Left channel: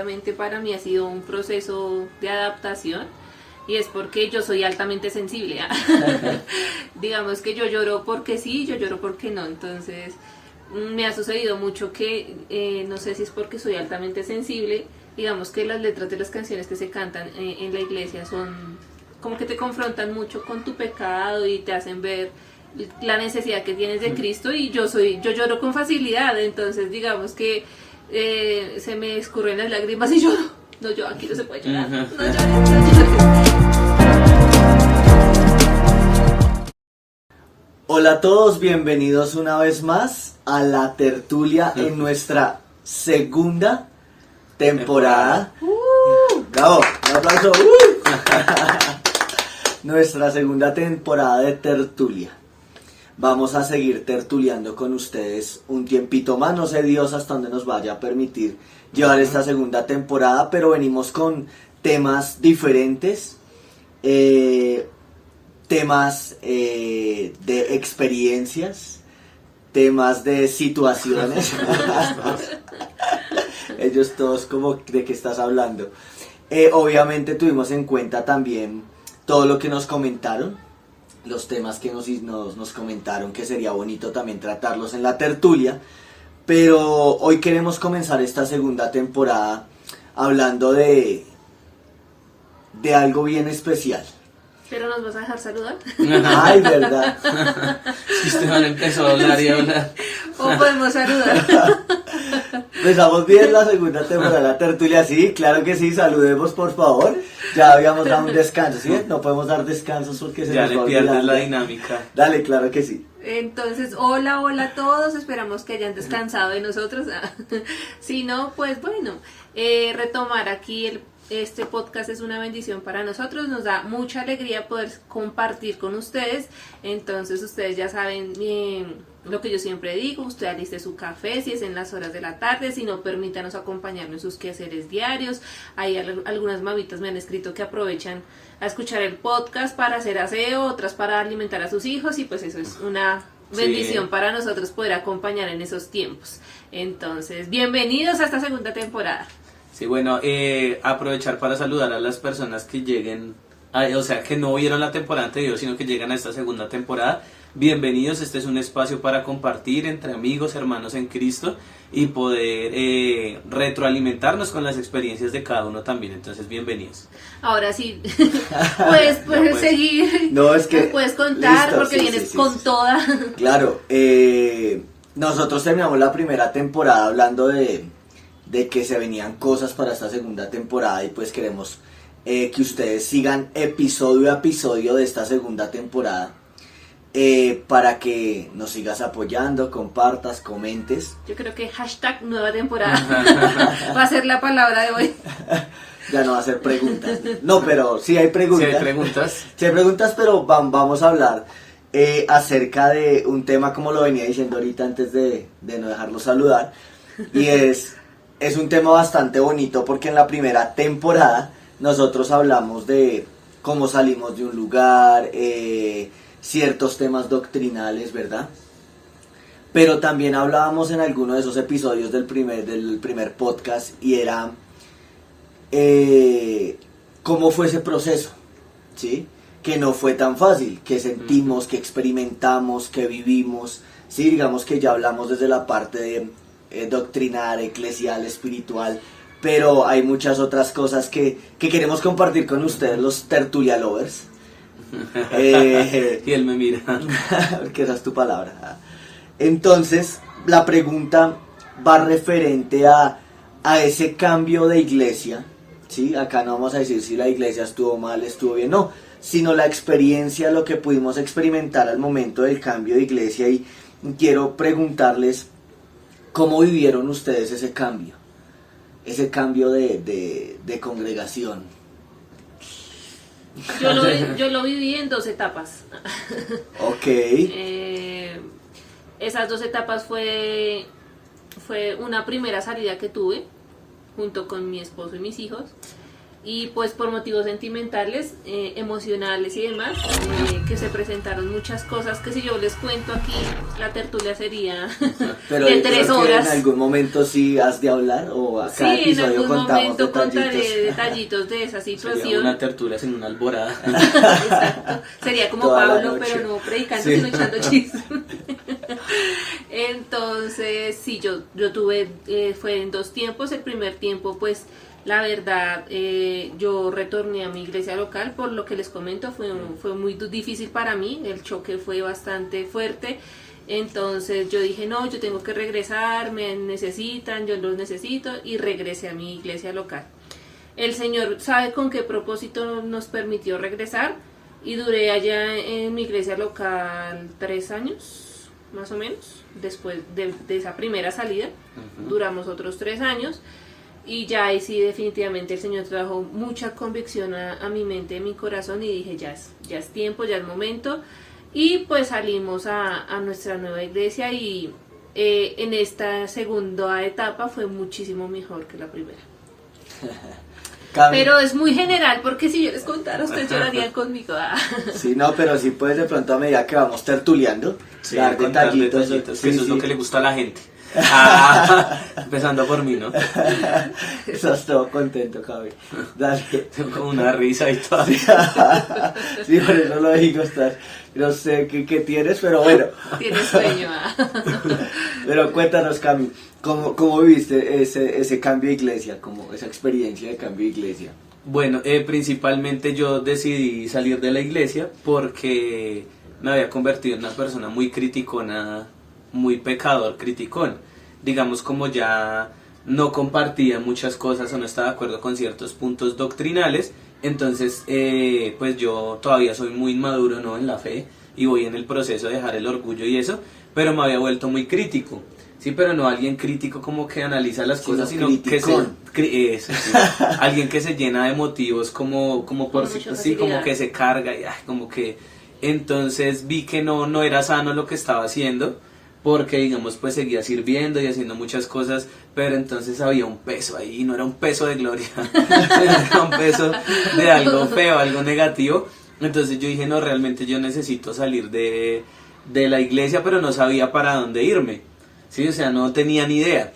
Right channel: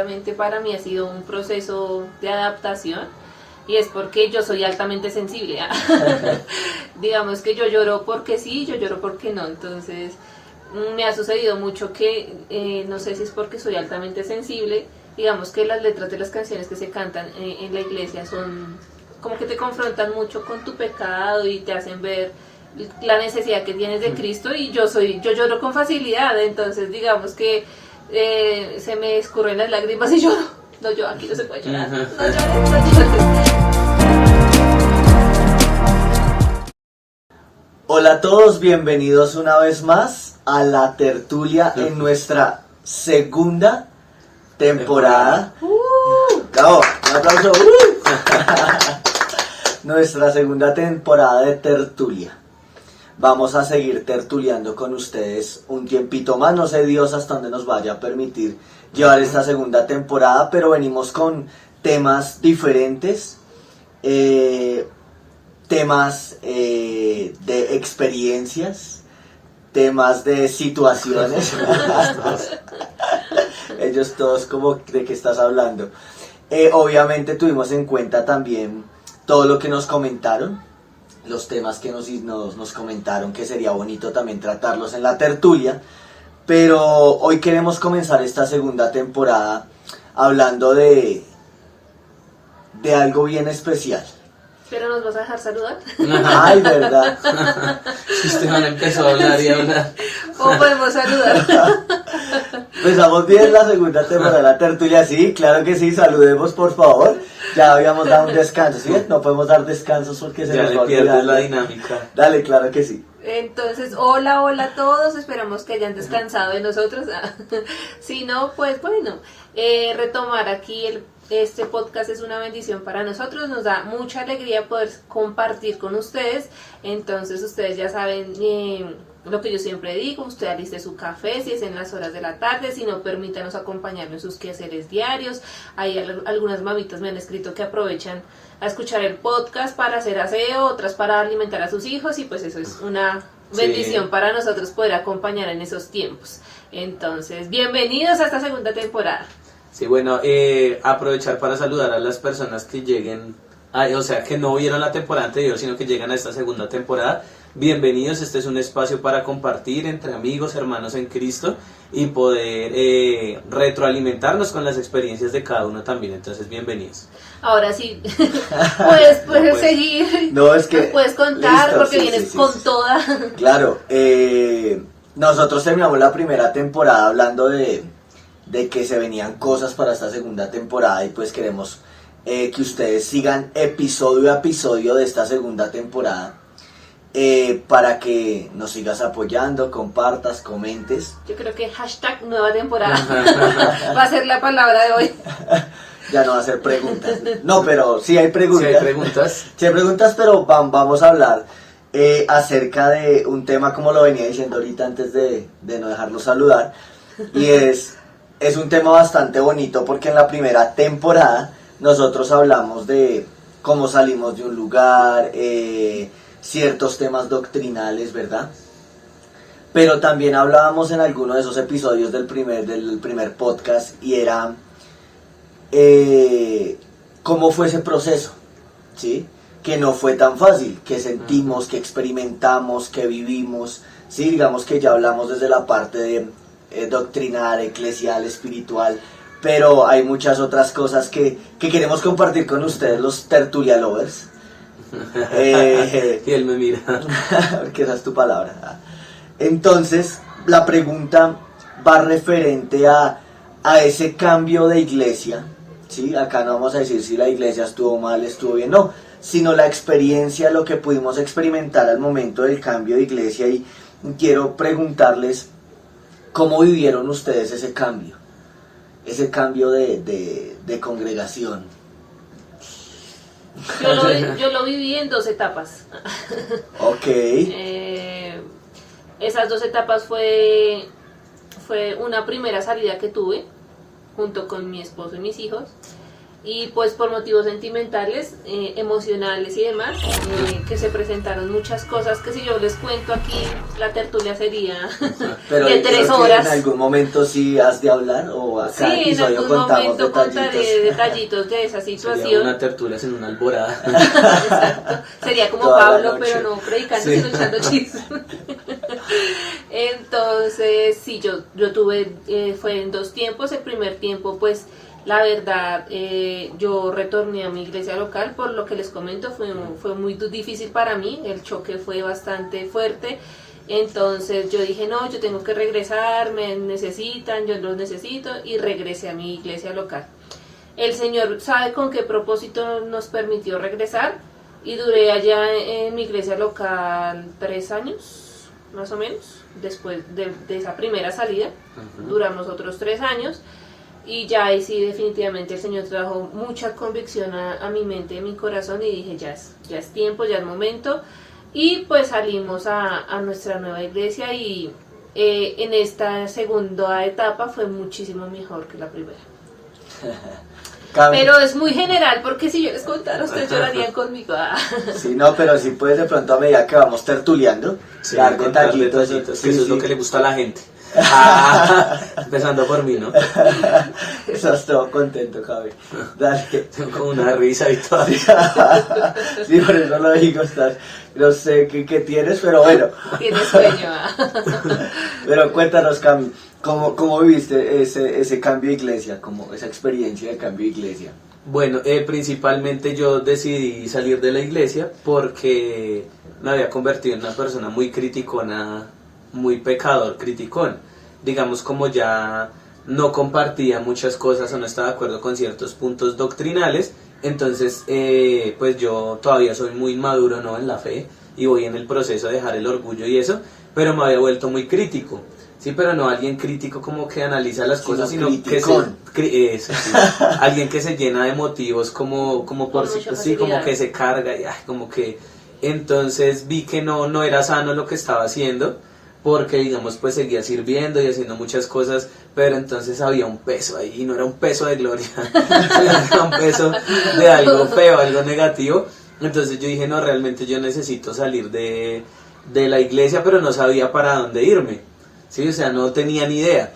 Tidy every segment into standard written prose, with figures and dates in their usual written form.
obviamente para mí ha sido un proceso de adaptación y es porque yo soy altamente sensible. Digamos que yo lloro porque sí, yo lloro porque no, entonces me ha sucedido mucho que no sé si es porque soy altamente sensible, digamos que las letras de las canciones que se cantan en la iglesia son como que te confrontan mucho con tu pecado y te hacen ver la necesidad que tienes de Cristo y yo lloro con facilidad, entonces digamos que se me escurren las lágrimas y lloro. No, yo aquí no se puede llorar. No lloro. Hola a todos, bienvenidos una vez más a la tertulia en nuestra segunda temporada. Bravo, un aplauso. Nuestra segunda temporada de tertulia. Vamos a seguir tertuliando con ustedes un tiempito más. No sé Dios hasta dónde nos vaya a permitir llevar esta segunda temporada, pero venimos con temas diferentes. Temas de experiencias, temas de situaciones. Ellos todos como de qué estás hablando. Obviamente tuvimos en cuenta también todo lo que nos comentaron, los temas que nos comentaron que sería bonito también tratarlos en la tertulia, pero hoy queremos comenzar esta segunda temporada hablando de algo bien especial. ¿Pero nos vas a dejar saludar? Ay, verdad. Si usted no empezó a hablar y hablar. ¿O podemos saludar? Empezamos bien la segunda temporada de la tertulia, sí, claro que sí, saludemos por favor. Ya habíamos dado un descanso, ¿sí? No podemos dar descansos porque se Ya nos le va pierdes olvidando. la dinámica. Dale, claro que sí. Entonces, hola a todos, esperamos que hayan descansado de nosotros. Si no, pues bueno, retomar aquí este podcast es una bendición para nosotros, nos da mucha alegría poder compartir con ustedes. Entonces ustedes ya saben lo que yo siempre digo, usted aliste su café si es en las horas de la tarde, si no, permítanos acompañarnos en sus quehaceres diarios. Hay algunas mamitas me han escrito que aprovechan a escuchar el podcast para hacer aseo, otras para alimentar a sus hijos y pues eso es una bendición para nosotros poder acompañar en esos tiempos. Entonces, bienvenidos a esta segunda temporada. Sí, bueno, aprovechar para saludar a las personas que lleguen, o sea, que no vieron la temporada anterior, sino que llegan a esta segunda temporada. Bienvenidos, este es un espacio para compartir entre amigos, hermanos en Cristo y poder retroalimentarnos con las experiencias de cada uno también, entonces bienvenidos. Ahora sí, puedes seguir, No, es que... nos puedes contar listo, porque sí, vienes sí, con sí. toda. Claro, nosotros terminamos la primera temporada hablando de que se venían cosas para esta segunda temporada y pues queremos que ustedes sigan episodio a episodio de esta segunda temporada para que nos sigas apoyando, compartas, comentes. Yo creo que hashtag nueva temporada va a ser la palabra de hoy. Ya no va a ser preguntas. No, pero sí hay preguntas. Si hay preguntas. Sí hay preguntas, pero vamos a hablar acerca de un tema como lo venía diciendo ahorita antes de no dejarlo saludar. Y es un tema bastante bonito porque en la primera temporada nosotros hablamos de cómo salimos de un lugar, ciertos temas doctrinales, ¿verdad? Pero también hablábamos en alguno de esos episodios del primer podcast y era cómo fue ese proceso, ¿sí? Que no fue tan fácil, que sentimos, que experimentamos, que vivimos, ¿sí? Digamos que ya hablamos desde la parte de doctrinal, eclesial, espiritual, pero hay muchas otras cosas que queremos compartir con ustedes, los tertulia lovers. Y él me mira. Porque esa es tu palabra. Entonces, la pregunta va referente a ese cambio de iglesia, ¿sí? Acá no vamos a decir si la iglesia estuvo mal, estuvo bien, no, sino la experiencia, lo que pudimos experimentar al momento del cambio de iglesia. Y quiero preguntarles cómo vivieron ustedes ese cambio de congregación. Yo lo viví en 2 etapas. Ok. Esas 2 etapas fue una primera salida que tuve junto con mi esposo y mis hijos. y pues por motivos sentimentales, emocionales y demás, que se presentaron muchas cosas que si yo les cuento aquí, la tertulia sería Pero de creo 3 que horas. en algún momento sí has de hablar o acá Sí, en episodio algún contamos momento detallitos. contaré detallitos de esa Sería situación. una tertulia sin una alborada. Exacto. Sería como Toda la Pablo, noche. pero no predicando, Sí. sino echando chismes. Entonces, sí, yo tuve, fue en 2 tiempos. El primer tiempo, pues, la verdad, yo retorné a mi iglesia local, por lo que les comento, fue muy difícil para mí, el choque fue bastante fuerte. Entonces yo dije, no, yo tengo que regresar, me necesitan, yo los necesito, y regresé a mi iglesia local. El Señor sabe con qué propósito nos permitió regresar, y duré allá en mi iglesia local 3 años, más o menos, después de esa primera salida. Duramos otros 3 años, y ya ahí sí definitivamente el Señor trajo mucha convicción a mi mente, a mi corazón, y dije, ya es tiempo, ya es momento. Y pues salimos a nuestra nueva iglesia, y en esta segunda etapa fue muchísimo mejor que la primera. Cami, Pero es muy general, porque si yo les contara, ustedes llorarían conmigo. sí, no, pero sí puedes de pronto a medida que vamos tertuleando, Sí, dar contar detallitos. detallitos, Sí, que eso es sí. lo que le gusta a la gente. Ah, empezando por mí, ¿no? Estás todo contento, Javi. Dale. Tengo como una risa y todo. Sí, por eso lo digo, estás, no sé qué tienes, pero bueno. Tienes sueño. Pero cuéntanos, Cami, ¿cómo viviste ese cambio de iglesia, como esa experiencia de cambio de iglesia? Bueno, principalmente yo decidí salir de la iglesia porque me había convertido en una persona muy criticona, muy pecador, criticón. Digamos, como ya no compartía muchas cosas o no estaba de acuerdo con ciertos puntos doctrinales, entonces pues yo todavía soy muy maduro, ¿no?, en la fe, y voy en el proceso de dejar el orgullo y eso, pero me había vuelto muy crítico. Sí, pero no alguien crítico como que analiza las cosas, sino que eso, sí. Alguien que se llena de motivos como por Con mucha sí, como facilidad. que se carga y como que entonces vi que no era sano lo que estaba haciendo, porque digamos pues seguía sirviendo y haciendo muchas cosas, pero entonces había un peso ahí, y no era un peso de gloria, era un peso de algo feo, algo negativo. Entonces yo dije, no, realmente yo necesito salir de la iglesia, pero no sabía para dónde irme. Sí, o sea, no tenía ni idea.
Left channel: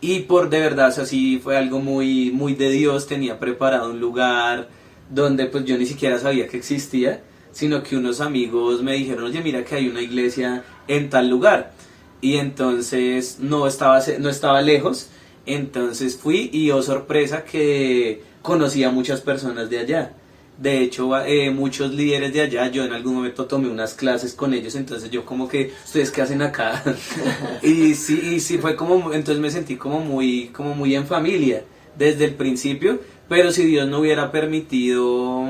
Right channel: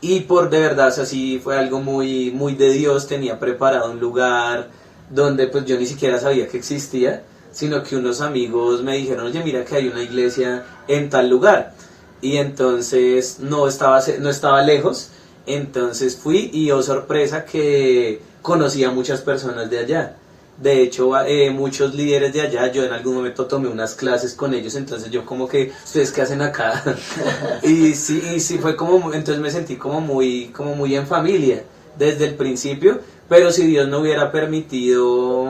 Y de verdad, o sea, sí fue algo muy, muy de Dios. Tenía preparado un lugar donde pues yo ni siquiera sabía que existía, sino que unos amigos me dijeron, oye, mira que hay una iglesia en tal lugar. Y entonces no estaba lejos. Entonces fui, y oh sorpresa que conocí a muchas personas de allá. De hecho, muchos líderes de allá, yo en algún momento tomé unas clases con ellos, entonces yo como que, ¿ustedes qué hacen acá? y sí fue como, entonces me sentí como muy en desde el principio, pero si Dios no hubiera permitido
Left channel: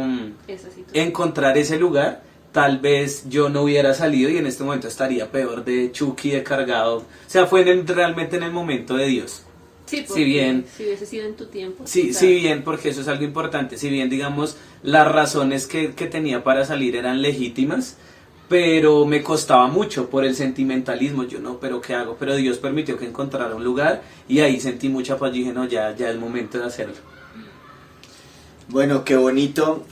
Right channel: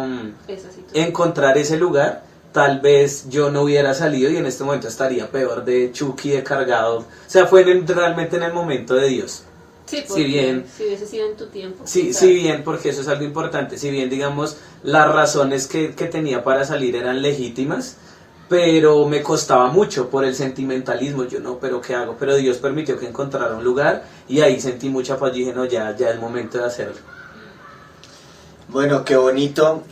encontrar ese lugar, tal vez yo no hubiera salido y en este momento estaría peor de Chucky, de cargado. O sea, fue realmente en el momento de Dios. Sí, Si bien, si hubiese sido en tu tiempo. sí, claro. si bien, porque eso es algo importante, si bien digamos las razones que tenía para salir eran legítimas, pero me costaba mucho por el sentimentalismo. Yo no, pero ¿qué hago? Pero Dios permitió que encontrara un lugar, y ahí sentí mucha paz. Yo dije, no, ya es momento de hacerlo. Bueno, qué bonito.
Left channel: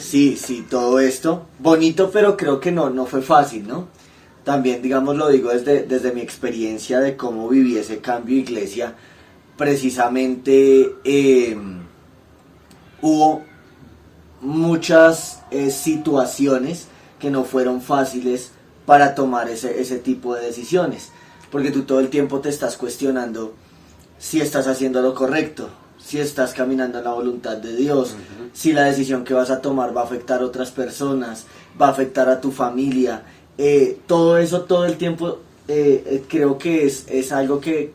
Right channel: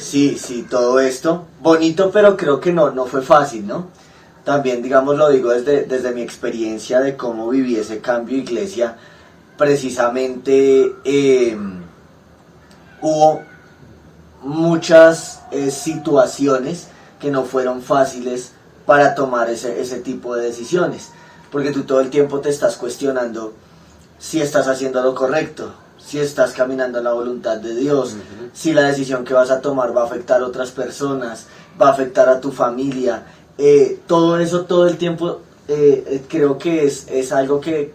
Sí, todo esto. Bonito, pero creo que no fue fácil, ¿no? También, digamos, lo digo desde mi experiencia de cómo viví ese cambio de iglesia. Precisamente hubo muchas situaciones que no fueron fáciles para tomar ese tipo de decisiones. Porque tú todo el tiempo te estás cuestionando si estás haciendo lo correcto, si estás caminando en la voluntad de Dios, si la decisión que vas a tomar va a afectar a otras personas, va a afectar a tu familia. Todo eso todo el tiempo creo que es algo que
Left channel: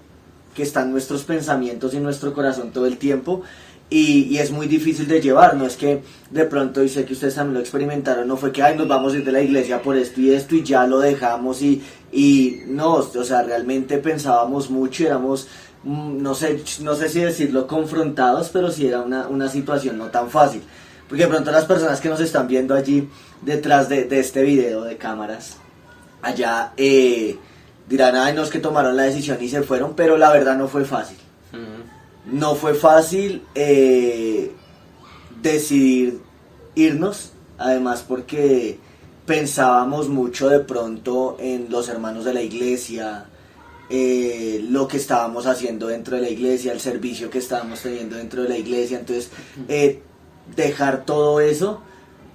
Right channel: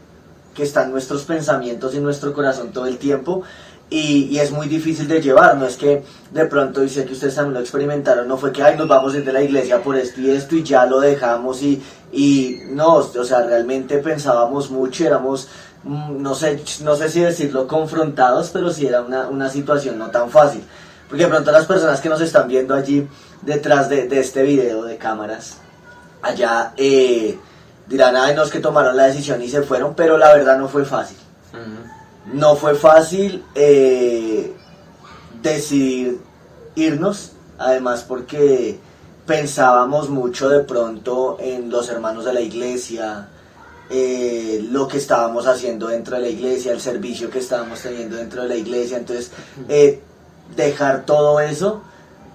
está en nuestros pensamientos y en nuestro corazón todo el tiempo, y es muy difícil de llevar. No es que de pronto, y sé que ustedes también lo experimentaron, no fue que nos vamos a ir de la iglesia por esto y ya lo dejamos, y no, o sea, realmente pensábamos mucho, éramos, no sé si decirlo confrontados, pero sí era una situación no tan fácil. Porque de pronto las personas que nos están viendo allí detrás de este video de cámaras, allá dirán, ay, no, es que tomaron la decisión y se fueron, pero la verdad no fue fácil. No fue fácil, decidir irnos, además porque pensábamos mucho de pronto en los hermanos de la iglesia, lo que estábamos haciendo dentro de la iglesia, el servicio que estábamos teniendo dentro de la iglesia, entonces dejar todo eso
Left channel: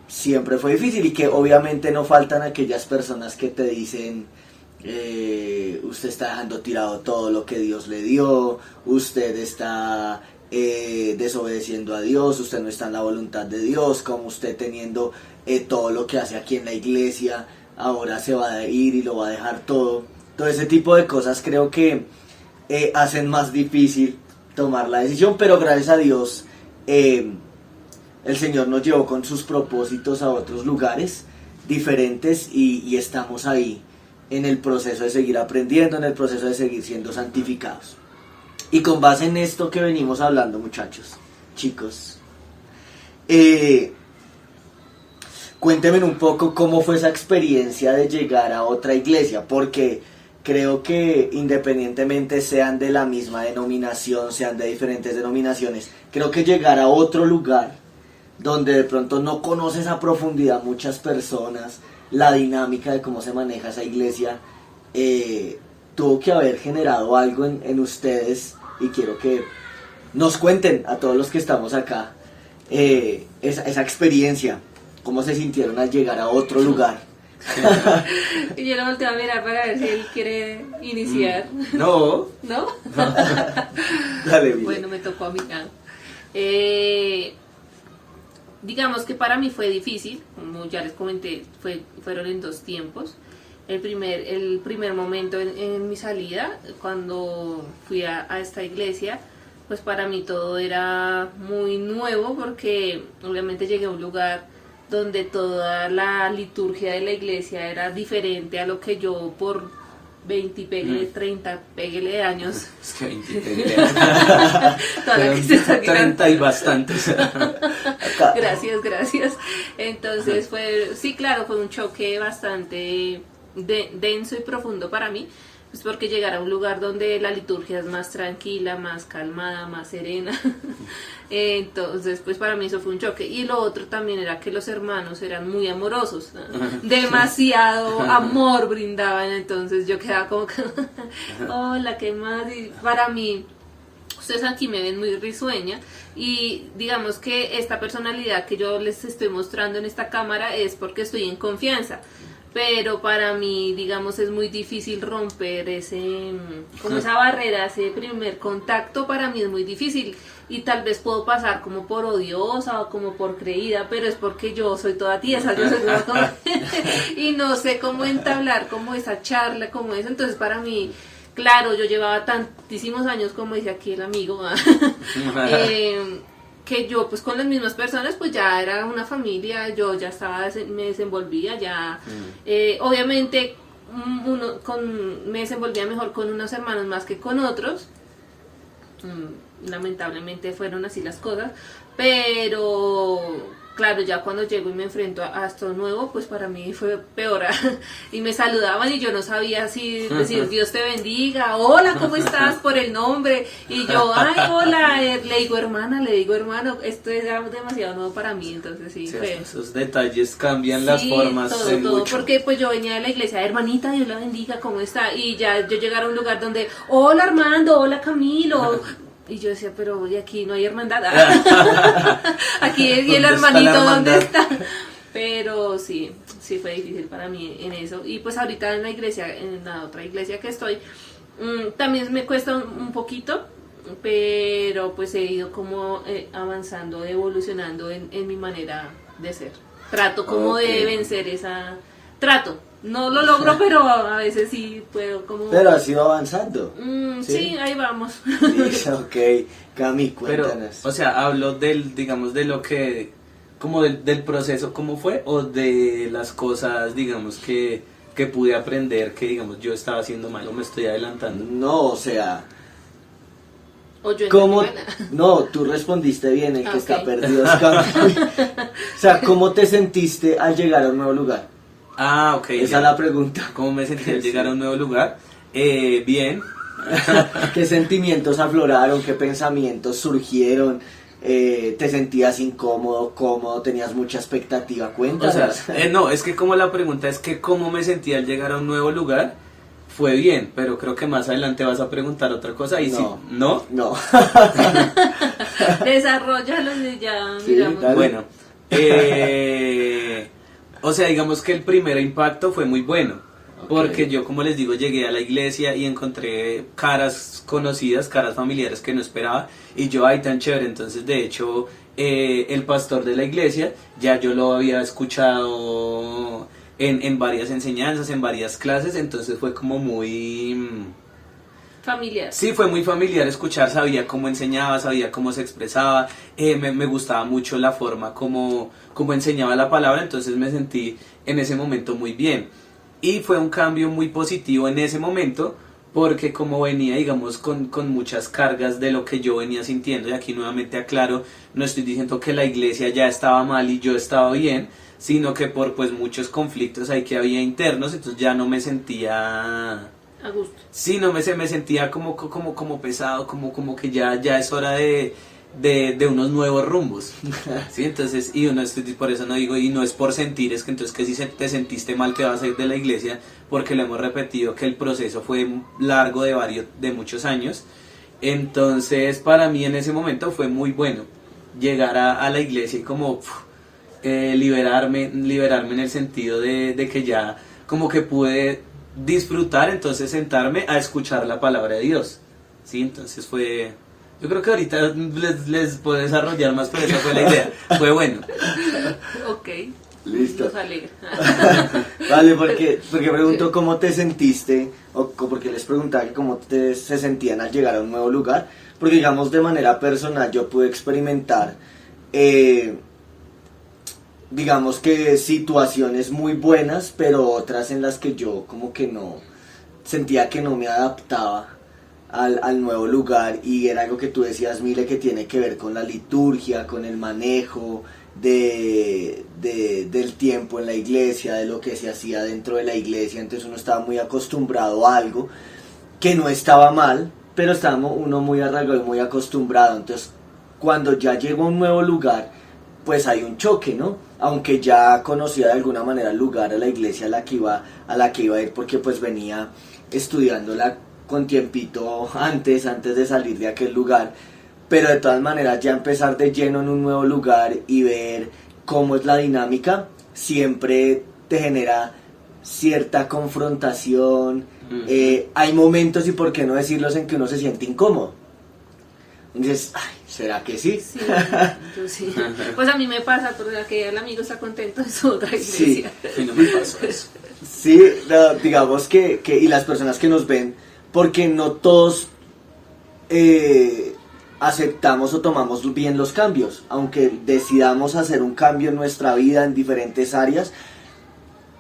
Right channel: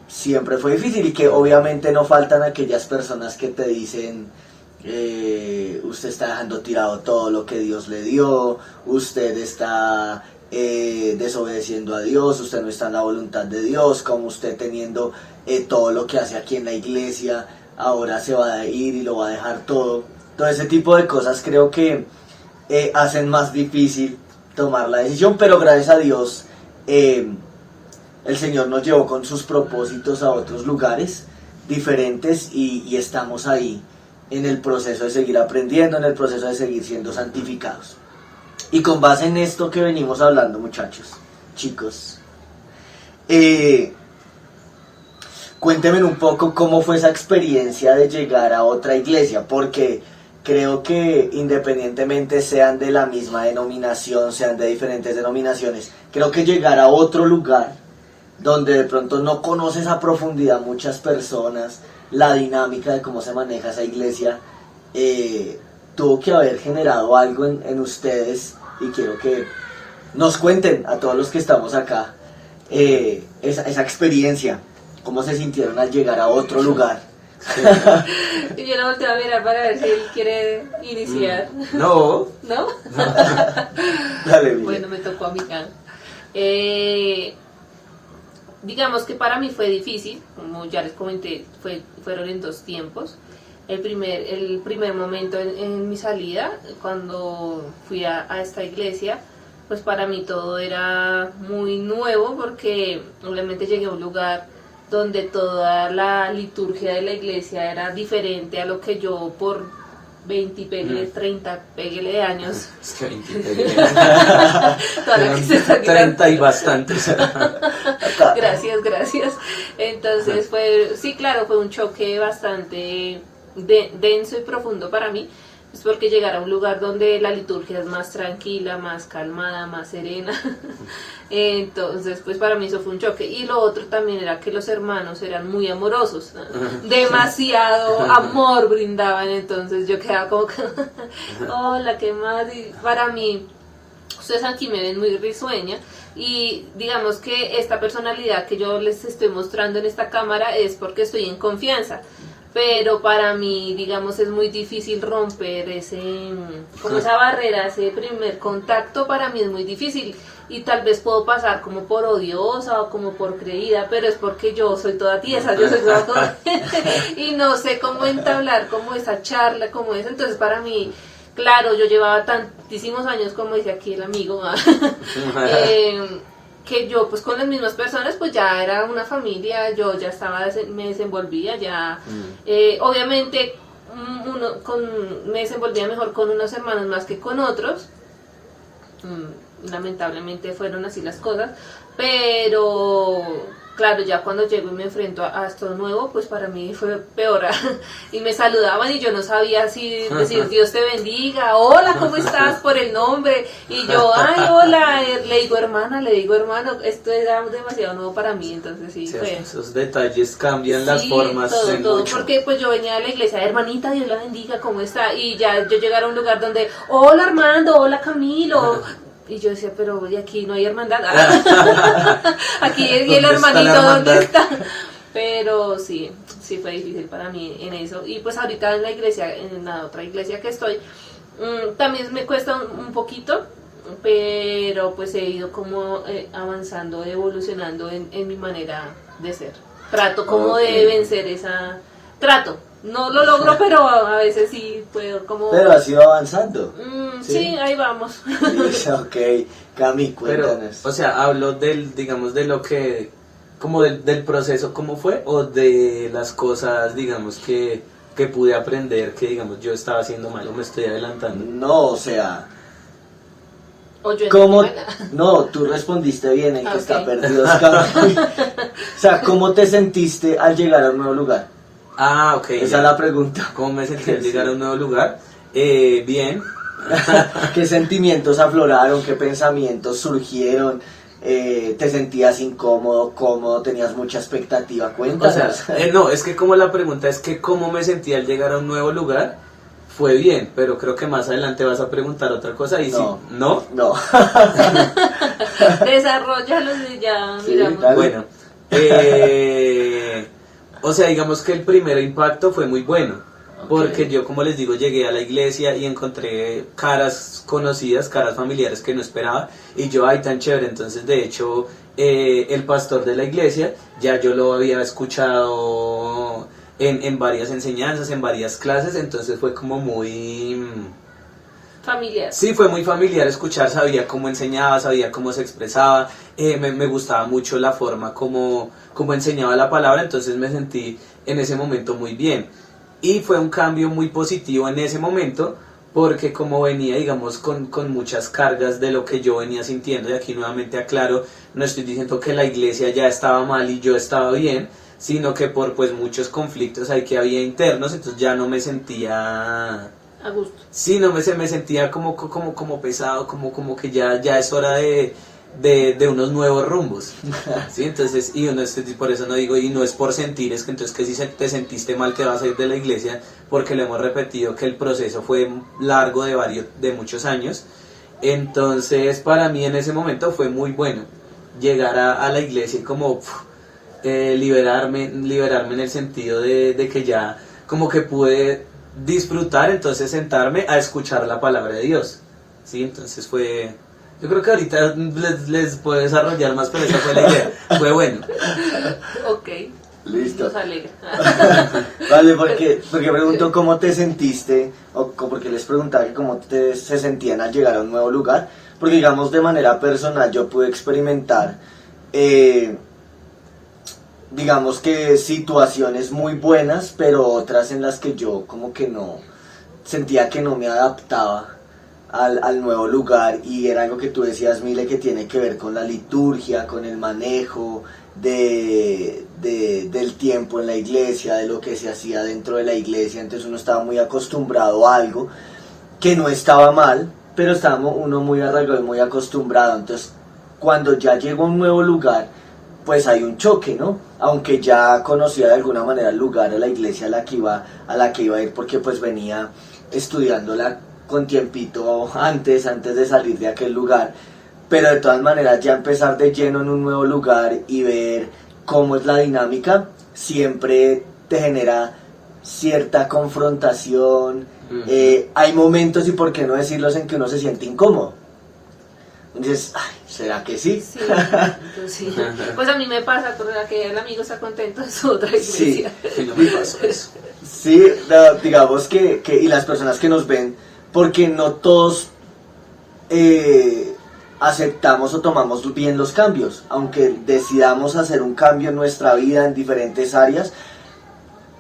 siempre fue difícil, y que obviamente no faltan aquellas personas que te dicen usted está dejando tirado todo lo que Dios le dio, usted está desobedeciendo a Dios, usted no está en la voluntad de Dios, como usted teniendo todo lo que hace aquí en la iglesia, ahora se va a ir y lo va a dejar todo. Todo ese tipo de cosas creo que hacen más difícil tomar la decisión, pero gracias a Dios el Señor nos llevó con sus propósitos a otros lugares diferentes, y estamos ahí en el proceso de seguir aprendiendo, en el proceso de seguir siendo santificados. Y con base en esto que venimos hablando, muchachos, chicos, cuéntenme un poco cómo fue esa experiencia de llegar a otra iglesia, porque creo que independientemente sean de la misma denominación, sean de diferentes denominaciones, creo que llegar a otro lugar donde de pronto no conoces a profundidad muchas personas, la dinámica de cómo se maneja esa iglesia, tuvo que haber generado algo en ustedes, y quiero que nos cuenten a todos los que estamos acá esa experiencia, cómo se sintieron al llegar a otro lugar. Y yo lo volteo a mirar para ver si él quiere iniciar. No. ¿No? Dale, bien. Bueno, me tocó a mí. Digamos que para mí fue difícil, como ya les comenté, fueron en 2 tiempos. El primer momento en mi salida, cuando fui a esta iglesia, pues para mí todo era muy nuevo, porque obviamente llegué a un lugar donde toda la liturgia de la iglesia era diferente a lo que yo por 20 peguele, 30 peguele de años. Es que 20 peguele. 30 y bastantes. Gracias. Entonces fue un choque bastante denso y profundo para mí, pues porque llegar a un lugar donde la liturgia es más tranquila, más calmada, más serena. Entonces pues para mí eso fue un choque. Y lo otro también era que los hermanos eran muy amorosos, demasiado amor brindaban, entonces yo quedaba como que hola, ¿qué más? Y para mí, ustedes aquí me ven muy risueña, y digamos que esta personalidad que yo les estoy mostrando en esta cámara es porque estoy en confianza, pero para mí, digamos, es muy difícil romper esa barrera, ese primer contacto. Para mí es muy difícil, y tal vez puedo pasar como por odiosa o como por creída, pero es porque yo soy toda tiesa, yo soy toda y no sé cómo entablar como esa charla, como eso. Entonces para mí, claro, yo llevaba tantísimos años, como dice aquí el amigo, que yo pues con las mismas personas pues ya era una familia, yo ya me desenvolvía ya, obviamente me desenvolvía mejor con unos hermanos más que con otros, lamentablemente fueron así las cosas, pero claro, ya cuando llego y me enfrento a esto nuevo, pues para mí fue peor. Y me saludaban y yo no sabía si decir Dios te bendiga, hola, ¿cómo estás? Por el nombre. Y yo, ay, hola, le digo hermano, esto era demasiado nuevo para mí, entonces sí, fue. Esos detalles cambian las formas todo, mucho. porque pues yo venía de la iglesia, hermanita, Dios la bendiga, ¿cómo está? Y ya yo llegar a un lugar donde, hola Armando, hola Camilo. Y yo decía, pero y aquí no hay hermandad. Aquí y el hermanito, ¿dónde está? Pero sí fue difícil para mí en eso. Y pues ahorita en la iglesia, en la otra iglesia que estoy, también me cuesta un poquito, pero pues he ido como avanzando, evolucionando en mi manera de ser. Trato como de vencer trato. No lo logro, pero a veces sí puedo como... Pero has ido avanzando. Sí, ahí vamos. Sí, ok, Cami, cuéntanos. Pero, o sea, hablo digamos, de lo que, como del proceso, ¿cómo fue? O de las cosas, digamos, que pude aprender, que, digamos, yo estaba haciendo mal o me estoy adelantando. No, o sea... O yo ¿Cómo? No, tú respondiste bien, el que Okay. está perdido es Cami. O sea, ¿cómo te sentiste al llegar a un nuevo lugar? Ah, ok. Esa es la pregunta. ¿Cómo me sentí al Sí. llegar a un nuevo lugar? Bien. ¿Qué sentimientos afloraron? ¿Qué pensamientos surgieron? te sentías incómodo, cómodo, tenías mucha expectativa, cuéntanos. O sea, no, es que como la pregunta es que cómo me sentí al llegar a un nuevo lugar, fue bien, pero creo que más adelante vas a preguntar otra cosa y No. si, ¿no? No. Desarrollalo y ya Sí, miramos. dale. Bueno, o sea, digamos que el primer impacto fue muy bueno, porque Ok. yo, como les digo, llegué a la iglesia y encontré caras conocidas, caras familiares que no esperaba, y yo, ay, tan chévere. Entonces, de hecho, el pastor de la iglesia, ya yo lo había escuchado en varias enseñanzas, en varias clases, entonces fue como muy... Familiar. Sí, fue muy familiar escuchar, sabía cómo enseñaba, sabía cómo se expresaba, me gustaba mucho la forma como enseñaba la palabra, entonces me sentí en ese momento muy bien. Y fue un cambio muy positivo en ese momento, porque como venía, digamos, con muchas cargas de lo que yo venía sintiendo, y aquí nuevamente aclaro, no estoy diciendo que la iglesia ya estaba mal y yo estaba bien, sino que por pues muchos conflictos ahí que había internos, entonces ya no me sentía... A gusto. Sí, no me sentía como pesado, como que ya es hora de unos nuevos rumbos. Sí, entonces, y uno por eso no digo, y no es por sentir, es que entonces que si te sentiste mal te vas a ir de la iglesia, porque lo hemos repetido que el proceso fue largo de muchos años. Entonces, para mí en ese momento fue muy bueno llegar a la iglesia y como liberarme en el sentido de que ya como que pude disfrutar, entonces sentarme a escuchar la palabra de Dios. Sí, entonces fue... Yo creo que ahorita les puedo desarrollar más, pero esa fue la idea. Fue bueno. Ok. Listo. Nos alegra. Vale, porque pregunto cómo te sentiste, porque les preguntaba que cómo se sentían al llegar a un nuevo lugar, porque digamos de manera personal yo pude experimentar, digamos que situaciones muy buenas, pero otras en las que yo como que no, sentía que no me adaptaba al nuevo lugar, y era algo que tú decías, Mile, que tiene que ver con la liturgia, con el manejo del tiempo en la iglesia, de lo que se hacía dentro de la iglesia. Entonces uno estaba muy acostumbrado a algo que no estaba mal, pero estaba uno muy arraigado y muy acostumbrado. Entonces cuando ya llegó a un nuevo lugar, pues hay un choque, ¿no? Aunque ya conocía de alguna manera el lugar, a la iglesia a la que iba a ir, porque pues venía estudiándola con tiempito antes de salir de aquel lugar, pero de todas maneras ya empezar de lleno en un nuevo lugar y ver cómo es la dinámica, siempre te genera cierta confrontación. Hay momentos, y por qué no decirlos, en que uno se siente incómodo. Entonces, ay, ¿será que sí? Sí, entonces, sí. Pues a mí me pasa, porque el amigo está contento en su otra iglesia. Y no me pasó eso. Sí, digamos que y las personas que nos ven, porque no todos aceptamos o tomamos bien los cambios, aunque decidamos hacer un cambio en nuestra vida en diferentes áreas.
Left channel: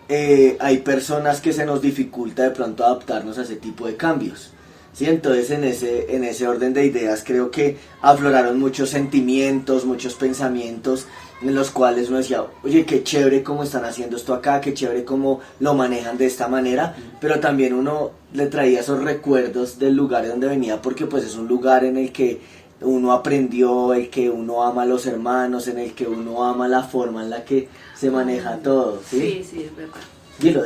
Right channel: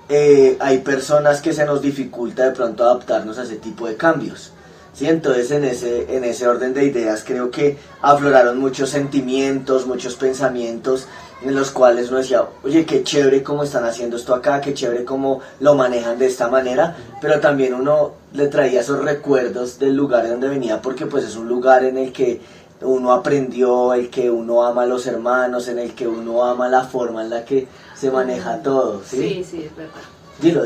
Hay personas que se nos dificulta de pronto adaptarnos a ese tipo de cambios. ¿Sí? Entonces en ese orden de ideas creo que afloraron muchos sentimientos, muchos pensamientos, en los cuales uno decía, oye, qué chévere cómo están haciendo esto acá, qué chévere cómo lo manejan de esta manera, pero también uno le traía esos recuerdos del lugar de donde venía, porque pues es un lugar en el que uno aprendió, el que uno ama a los hermanos, en el que uno ama la forma en la que se maneja todo. Sí, sí, es verdad. Dilo.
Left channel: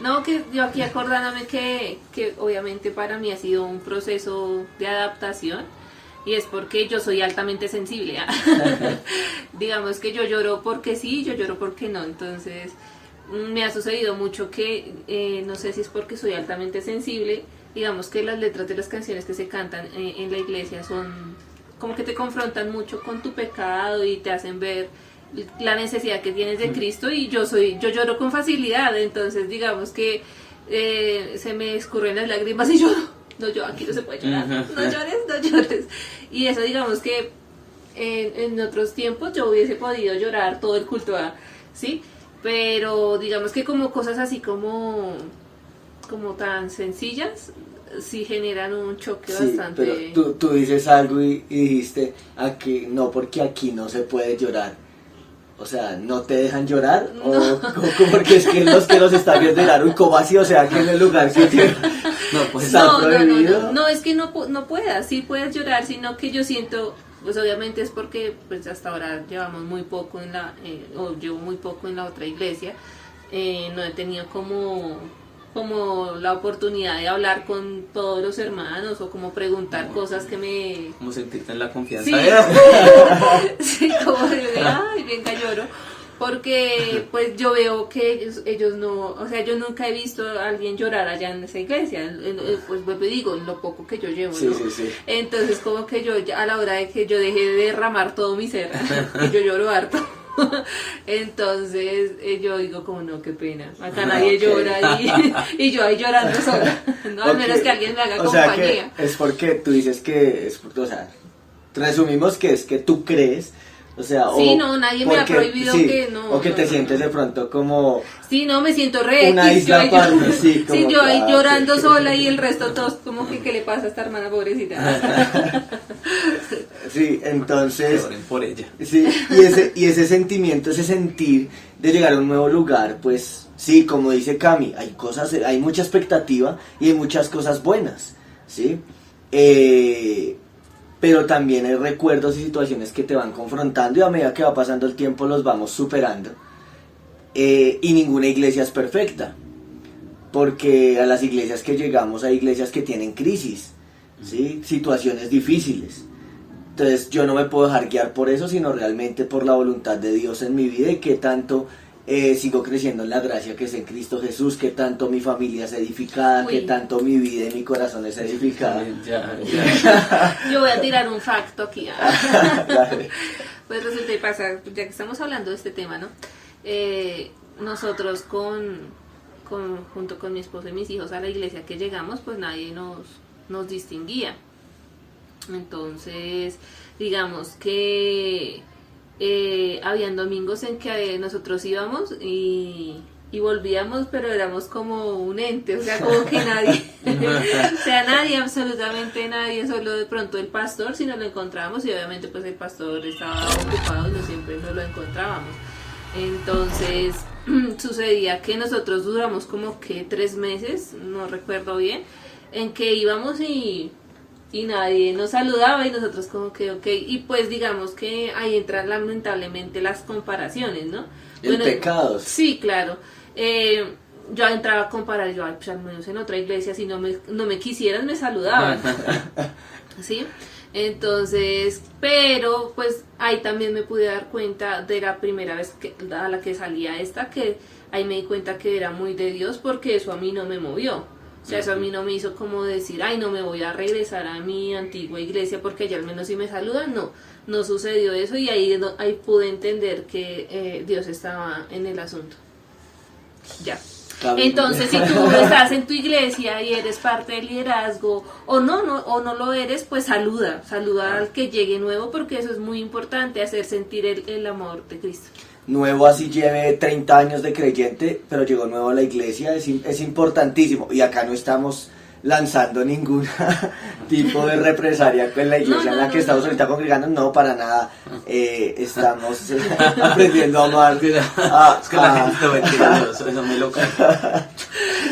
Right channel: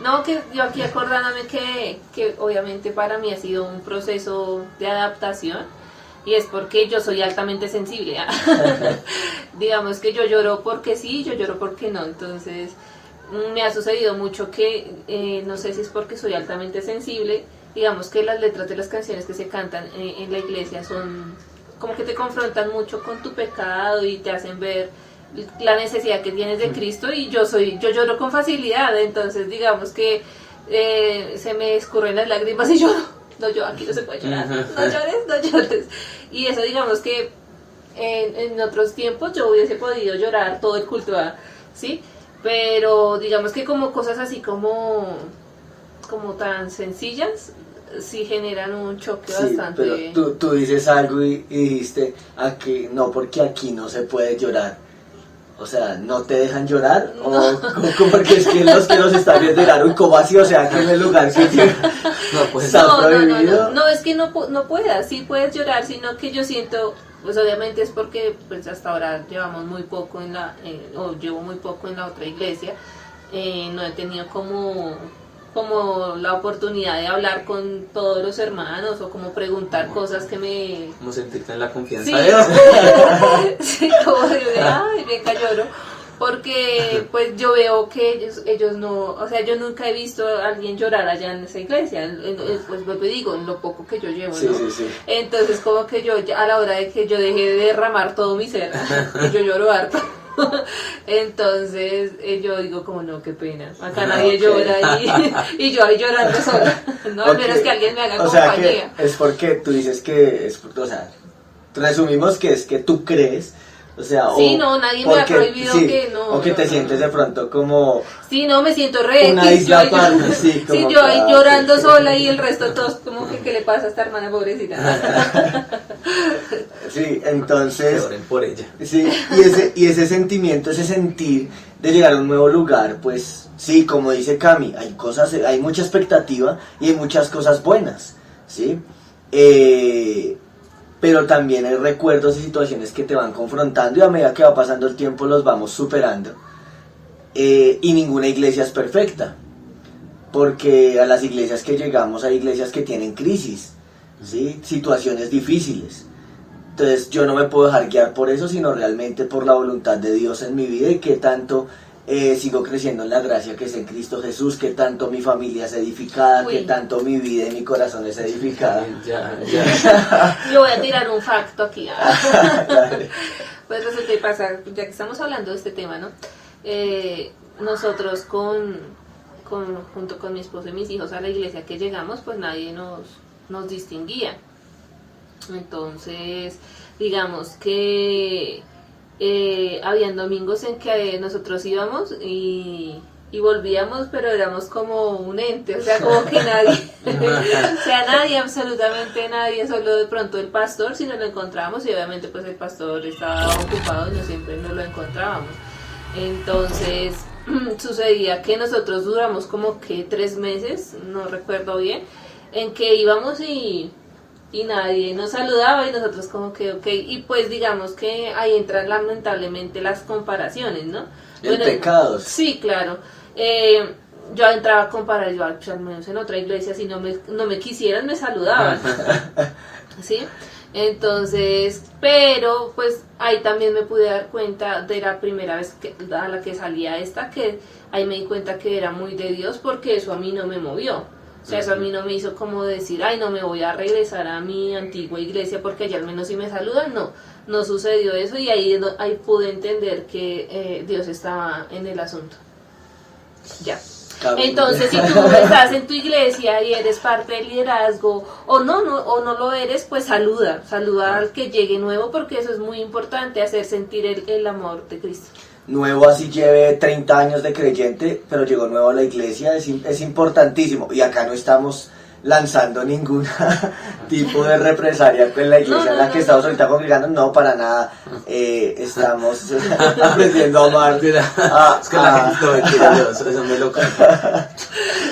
No, que yo aquí acordándome que obviamente para mí ha sido un proceso de adaptación, y es porque yo soy altamente sensible. Digamos que yo lloro porque sí, yo lloro porque no. Entonces me ha sucedido mucho que no sé si es porque soy altamente sensible. Digamos que las letras de las canciones que se cantan en la iglesia son como que te confrontan mucho con tu pecado y te hacen ver la necesidad que tienes de Cristo, y yo lloro con facilidad. Entonces digamos que se me escurren las lágrimas y lloro. No, yo aquí no se puede llorar, no llores. Y eso, digamos que en otros tiempos yo hubiese podido llorar todo el culto, ¿sí? Pero digamos que como cosas así como tan sencillas, sí generan un choque bastante. Pero tú dices algo y dijiste, aquí no, porque aquí no se puede llorar. O sea, ¿no te dejan llorar? No. ¿O porque es que los que nos están viendo dirán, ¿cómo así? O sea, que en el lugar que No, pues está prohibido. No, es que no puedas, sí puedes llorar, sino que yo siento pues obviamente es porque pues hasta ahora llevamos muy poco o llevo muy poco en la otra iglesia. No he tenido como la oportunidad de hablar con todos los hermanos o como preguntar cosas que me... Como sentirte en la confianza. Sí, sí, como de, ay, venga, lloro. Porque pues yo veo que ellos no, o sea, yo nunca he visto a alguien llorar allá en esa iglesia, pues me digo, en lo poco que yo llevo, Sí, ¿no? sí, sí. Entonces como que yo, a la hora de que yo dejé de derramar todo mi ser, y yo lloro harto. Entonces yo digo como no, qué pena, acá nadie Ok. llora y yo ahí llorando sola, no, al menos que alguien me haga O sea, compañía. que es porque tú dices que es, o sea, resumimos que es que tú crees, o sea, Sí, o no, nadie me ha porque- prohibido sí, que no. o que no, te no, sientes no. de pronto como Sí, no, me siento re una X, isla ahí aparte, sí, sí, como yo ahí que, llorando ok. sola y el resto todos como que, ¿qué le pasa a esta hermana pobrecita? Sí, Que entonces, oren por ella. sí, y ese sentimiento, ese sentir de llegar a un nuevo lugar, pues sí, como dice Cami, hay cosas, hay mucha expectativa y hay muchas cosas buenas, ¿sí? Pero también hay recuerdos y situaciones que te van confrontando y a medida que va pasando el tiempo los vamos superando. Y ninguna iglesia es perfecta, porque a las iglesias que llegamos hay iglesias que tienen crisis, ¿sí? Situaciones difíciles. Entonces yo no me puedo dejar guiar por eso, sino realmente por la voluntad de Dios en mi vida y que tanto sigo creciendo en la gracia que es en Cristo Jesús, que tanto mi familia es edificada, Uy. que tanto mi vida y mi corazón es edificada. Ya. Yo voy a tirar un facto aquí. Dale. Pues resulta y pasa, ya que estamos hablando de este tema, ¿no? Nosotros junto con mi esposo y mis hijos a la iglesia que llegamos, pues nadie nos distinguía. Entonces, digamos que habían domingos en que nosotros íbamos y volvíamos, pero éramos como un ente, o sea, como que nadie, o sea, nadie, absolutamente nadie, solo de pronto el pastor, si nos lo encontrábamos, y obviamente pues el pastor estaba ocupado y no siempre nos lo encontrábamos. Entonces, sucedía que nosotros duramos como que 3 meses, no recuerdo bien, en que íbamos y nadie nos saludaba y nosotros como que ok, y pues digamos que ahí entran lamentablemente las comparaciones, ¿no? El pecado. Sí, claro. Yo entraba a comparar, yo pues, al menos en otra iglesia si no me quisieran me saludaban, ¿sí? Entonces, pero pues ahí también me pude dar cuenta de la primera vez a la que salía esta, que ahí me di cuenta que era muy de Dios porque eso a mí no me movió. O sea, eso a mí no me hizo como decir, ay, no me voy a regresar a mi antigua iglesia porque allá al menos si me saludan. No sucedió eso y ahí pude entender que Dios estaba en el asunto. Ya. Entonces, si tú estás en tu iglesia y eres parte del liderazgo o no lo eres, pues saluda al que llegue nuevo porque eso es muy importante, hacer sentir el amor de Cristo. Nuevo así lleve 30 años de creyente, pero llegó nuevo a la iglesia, es importantísimo. Y acá no estamos lanzando ningún tipo de represalia con la iglesia en la que estamos ahorita congregando, no, para nada. Estamos aprendiendo a amar. Es que la gente no me quiere Dios, eso me lo canta.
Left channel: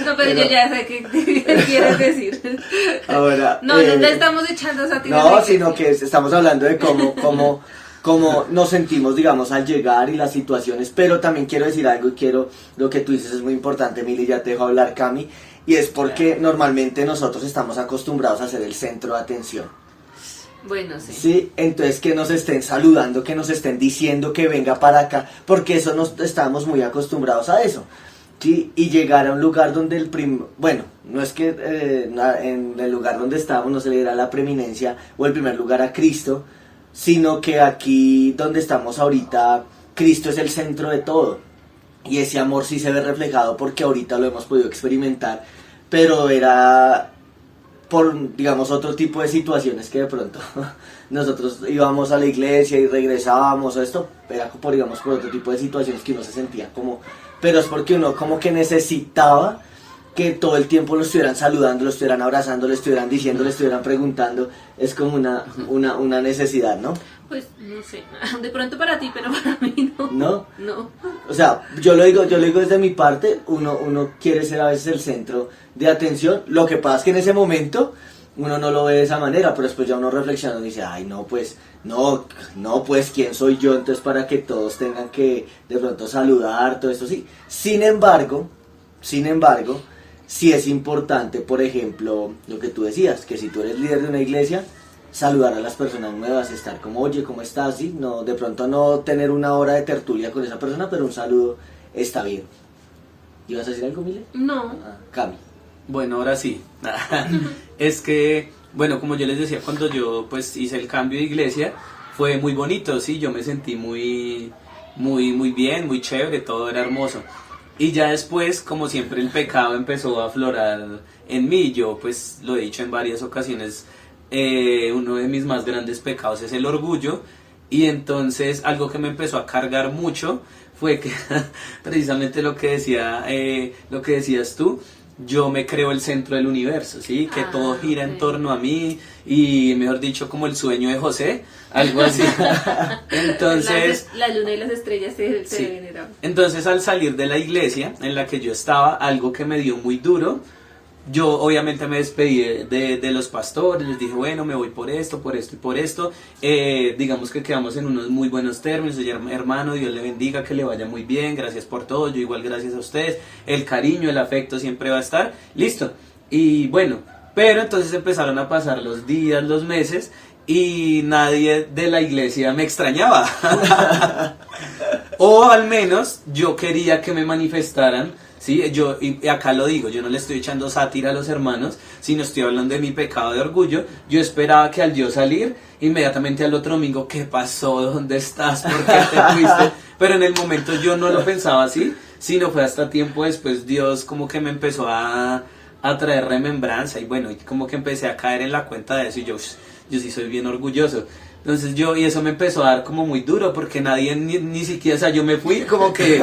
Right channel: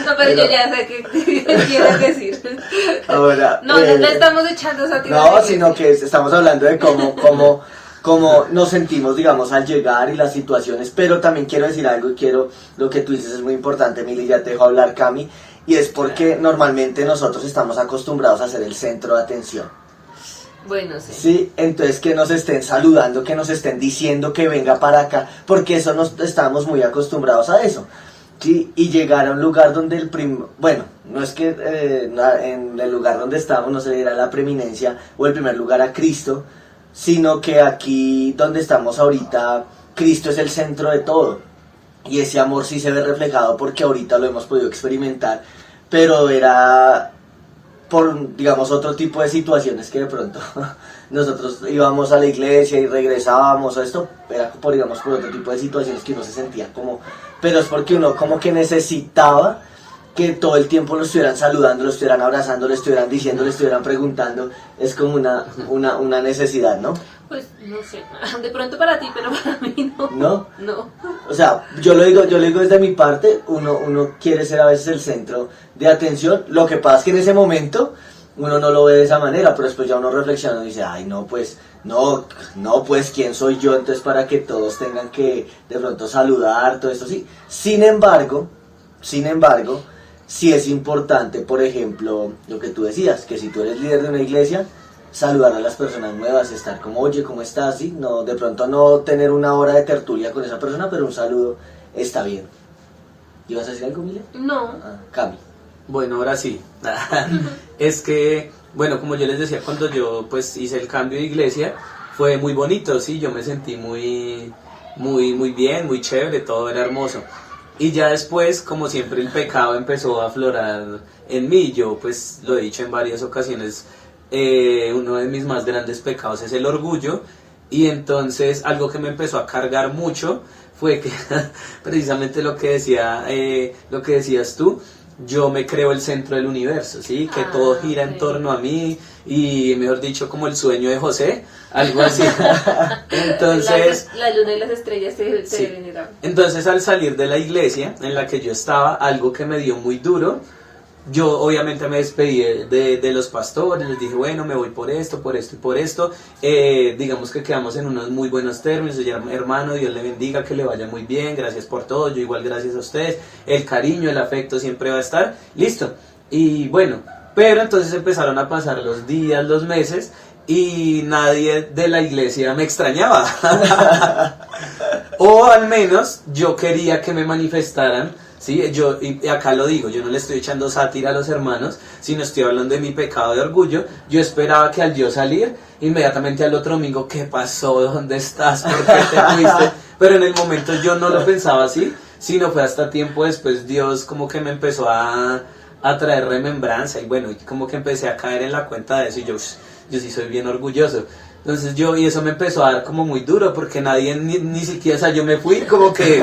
No, pero yo ya sé qué quieres decir. Ahora, No estamos echando esa no, sino que estamos hablando de cómo nos sentimos, digamos, al llegar y las situaciones, pero también quiero decir algo y lo que tú dices es muy importante, Mili, ya te dejo hablar, Cami, y es porque normalmente nosotros estamos acostumbrados a ser el centro de atención. Bueno, sí. Sí, entonces que nos estén saludando, que nos estén diciendo que venga para acá, porque eso estamos muy acostumbrados a eso. Sí, y llegar a un lugar donde bueno, no es que en el lugar donde estábamos no se le diera la preeminencia o el primer lugar a Cristo, sino que aquí donde estamos ahorita, Cristo es el centro de todo. Y ese amor sí se ve reflejado porque ahorita lo hemos podido experimentar, pero era por, digamos, otro tipo de situaciones que de pronto nosotros íbamos a la iglesia y regresábamos, esto era por, digamos, por otro tipo de situaciones que uno se sentía como, pero es porque uno como que necesitaba que todo el tiempo lo estuvieran saludando, lo estuvieran abrazando, le estuvieran diciendo, le estuvieran preguntando, es como una necesidad, ¿no? Pues no sé, de pronto para ti, pero para mí no. ¿No? No. O sea, yo lo digo desde mi parte, uno quiere ser a veces el centro de atención, lo que pasa es que en ese momento uno no lo ve de esa manera, pero después ya uno reflexiona y dice, ay no, pues, no, pues, ¿quién soy yo entonces para que todos tengan que de pronto saludar, todo esto? Sí. Sin embargo, sí es importante, por ejemplo, lo que tú decías, que si tú eres líder de una iglesia, saludar a las personas nuevas, estar como, oye, ¿cómo estás? ¿Sí? No, de pronto no tener una hora de tertulia con esa persona, pero un saludo está bien. ¿Ibas a decir algo, Mile? No. Cami. Bueno, ahora sí. Es que, bueno, como yo les decía, cuando yo pues hice el cambio de iglesia, fue muy bonito, sí, yo me sentí muy bien, muy chévere, todo era hermoso. Y ya después, como siempre, el pecado empezó a aflorar en mí. Yo pues lo he dicho en varias ocasiones, uno de mis más grandes pecados es el orgullo. Y entonces algo que me empezó a cargar mucho fue que precisamente lo que decías tú, yo me creo el centro del universo, ¿sí? Que todo gira en torno a mí y, mejor dicho, como el sueño de José, algo así. Entonces, la luna y las estrellas se sí. deben ir a... Entonces, al salir de la iglesia en la que yo estaba, algo que me dio muy duro, yo obviamente me despedí de los pastores, les dije, bueno, me voy por esto y por esto. Digamos que quedamos en unos muy buenos términos. Oye, hermano, Dios le bendiga, que le vaya muy bien, gracias por todo, yo igual gracias a ustedes. El cariño, el afecto siempre va a estar, listo. Y bueno, pero entonces empezaron a pasar los días, los meses, y nadie de la iglesia me extrañaba. O al menos yo quería que me manifestaran. Sí, y acá lo digo, yo no le estoy echando sátira a los hermanos, sino estoy hablando de mi pecado de orgullo. Yo esperaba que al yo salir, inmediatamente al otro domingo, ¿qué pasó? ¿Dónde estás? ¿Por qué te fuiste? Pero en el momento yo no lo pensaba así, sino fue hasta tiempo después Dios como que me empezó a traer remembranza, y bueno, como que empecé a caer en la cuenta de eso, y yo sí soy bien orgulloso. Entonces y eso me empezó a dar como muy duro, porque nadie ni siquiera, o sea, yo me fui como que,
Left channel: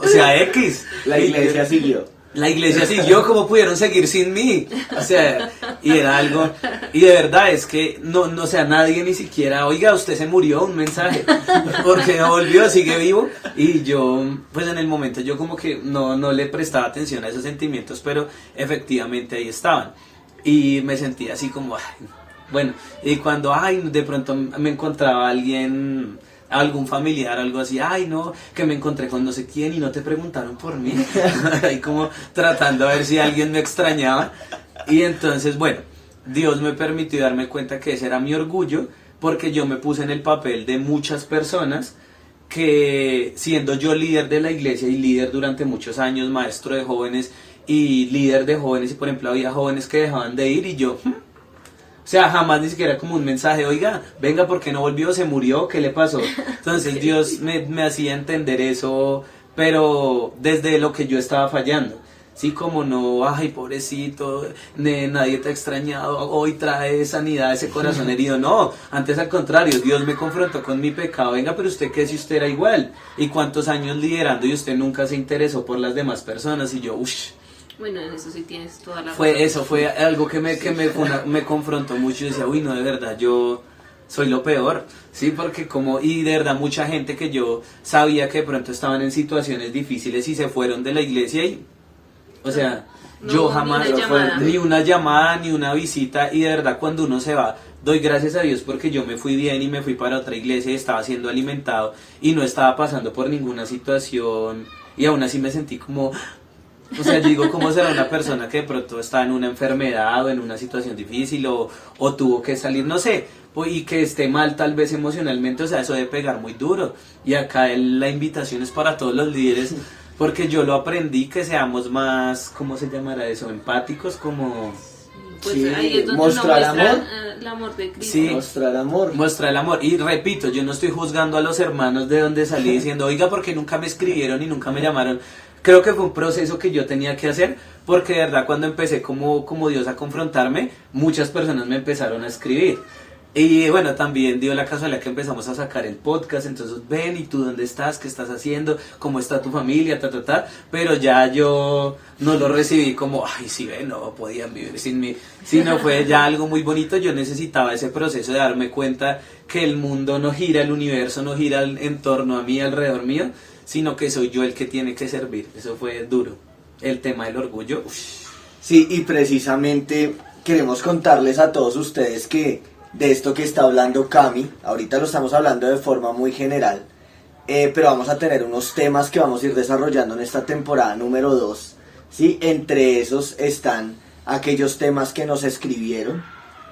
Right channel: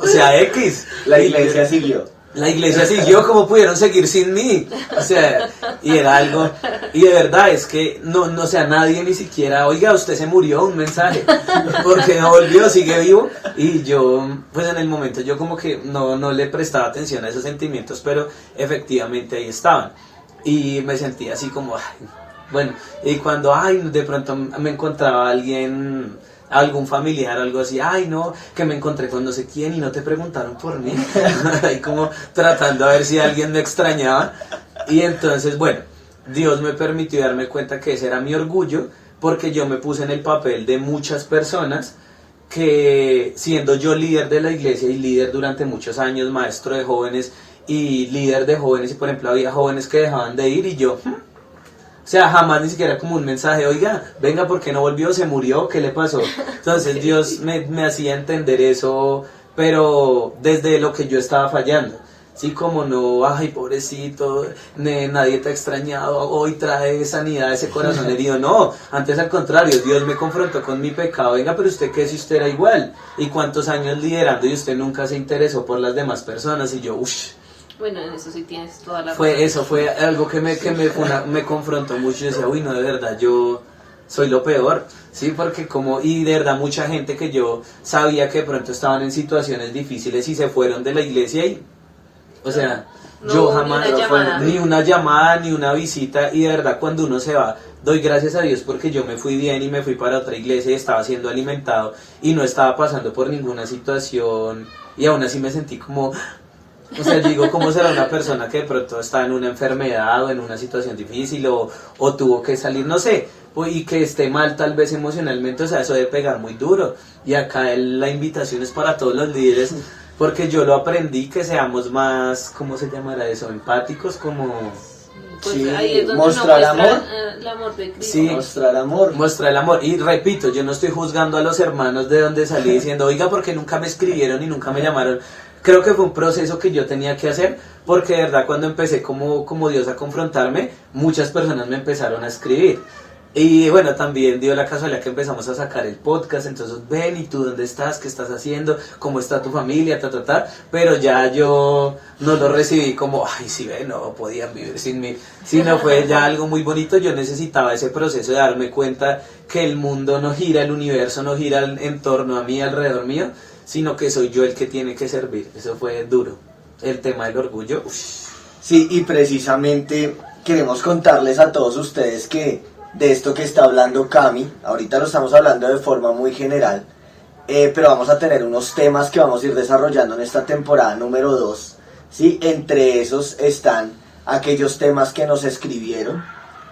o sea, X. La iglesia siguió. La iglesia siguió, como pudieron seguir sin mí, o sea, y era algo, y de verdad es que no, o sea, nadie ni siquiera, oiga, usted se murió, un mensaje, porque no volvió, sigue vivo, y yo, pues en el momento yo como que no le prestaba atención a esos sentimientos, pero efectivamente ahí estaban, y me sentía así como, ay, bueno, y cuando, de pronto me encontraba algún familiar o algo así, no, que me encontré con no sé quién y no te preguntaron por mí, y como tratando a ver si alguien me extrañaba, y entonces, bueno, Dios me permitió darme cuenta que ese era mi orgullo, porque yo me puse en el papel de muchas personas que, siendo yo líder de la iglesia y líder durante muchos años, maestro de jóvenes y líder de jóvenes, y por ejemplo había jóvenes que dejaban de ir y yo... O sea, jamás ni siquiera como un mensaje, oiga, venga, ¿por qué no volvió? ¿Se murió? ¿Qué le pasó? Entonces Dios me hacía entender eso, pero desde lo que yo estaba fallando. Sí, como no, ay, pobrecito, nadie te ha extrañado, hoy trae sanidad a ese corazón herido. No, antes al contrario, Dios me confrontó con mi pecado. Venga, pero usted qué si usted era igual. ¿Y cuántos años liderando y usted nunca se interesó por las demás personas? Y yo, uff. Bueno, en eso sí tienes toda la razón. Fue algo que me confrontó mucho. Yo decía, uy, no, de verdad, yo soy lo peor, sí, porque y de verdad mucha gente que yo sabía que de pronto estaban en situaciones difíciles y se fueron de la iglesia y, o sea, no, yo jamás, ni una llamada, ni una visita, y de verdad cuando uno se va, doy gracias a Dios porque yo me fui bien y me fui para otra iglesia y estaba siendo alimentado y no estaba pasando por ninguna situación, y aún así me sentí como... O sea, yo digo, ¿cómo será una persona que de pronto está en una enfermedad o en una situación difícil o tuvo que salir, no sé, y que esté mal tal vez emocionalmente? O sea, eso debe pegar muy duro. Y acá la invitación es para todos los líderes, porque yo lo aprendí, que seamos más, ¿cómo se llamará eso? Empáticos, como... Pues sí, ahí es donde mostrar amor. El amor de Cristo. Sí, mostrar amor. Mostrar el amor. Y repito, yo no estoy juzgando a los hermanos de donde salí diciendo, oiga, ¿por qué nunca me escribieron y nunca me llamaron? Creo que fue un proceso que yo tenía que hacer, porque de verdad cuando empecé como Dios a confrontarme, muchas personas me empezaron a escribir. Y bueno, también dio la casualidad que empezamos a sacar el podcast, entonces ven, ¿y tú dónde estás? ¿Qué estás haciendo? ¿Cómo está tu familia? Pero ya yo no lo recibí como, ay, sí, no podían vivir sin mí, sino fue ya algo muy bonito. Yo necesitaba ese proceso de darme cuenta que el mundo no gira, el universo no gira en torno a mí, alrededor mío, sino que soy yo el que tiene que servir. Eso fue duro. El tema del orgullo, uff. Sí, y precisamente queremos contarles a todos ustedes que de esto que está hablando Cami, ahorita lo estamos hablando de forma muy general, pero vamos a tener unos temas que vamos a ir desarrollando en esta temporada número 2, ¿sí? Entre esos están aquellos temas que nos escribieron,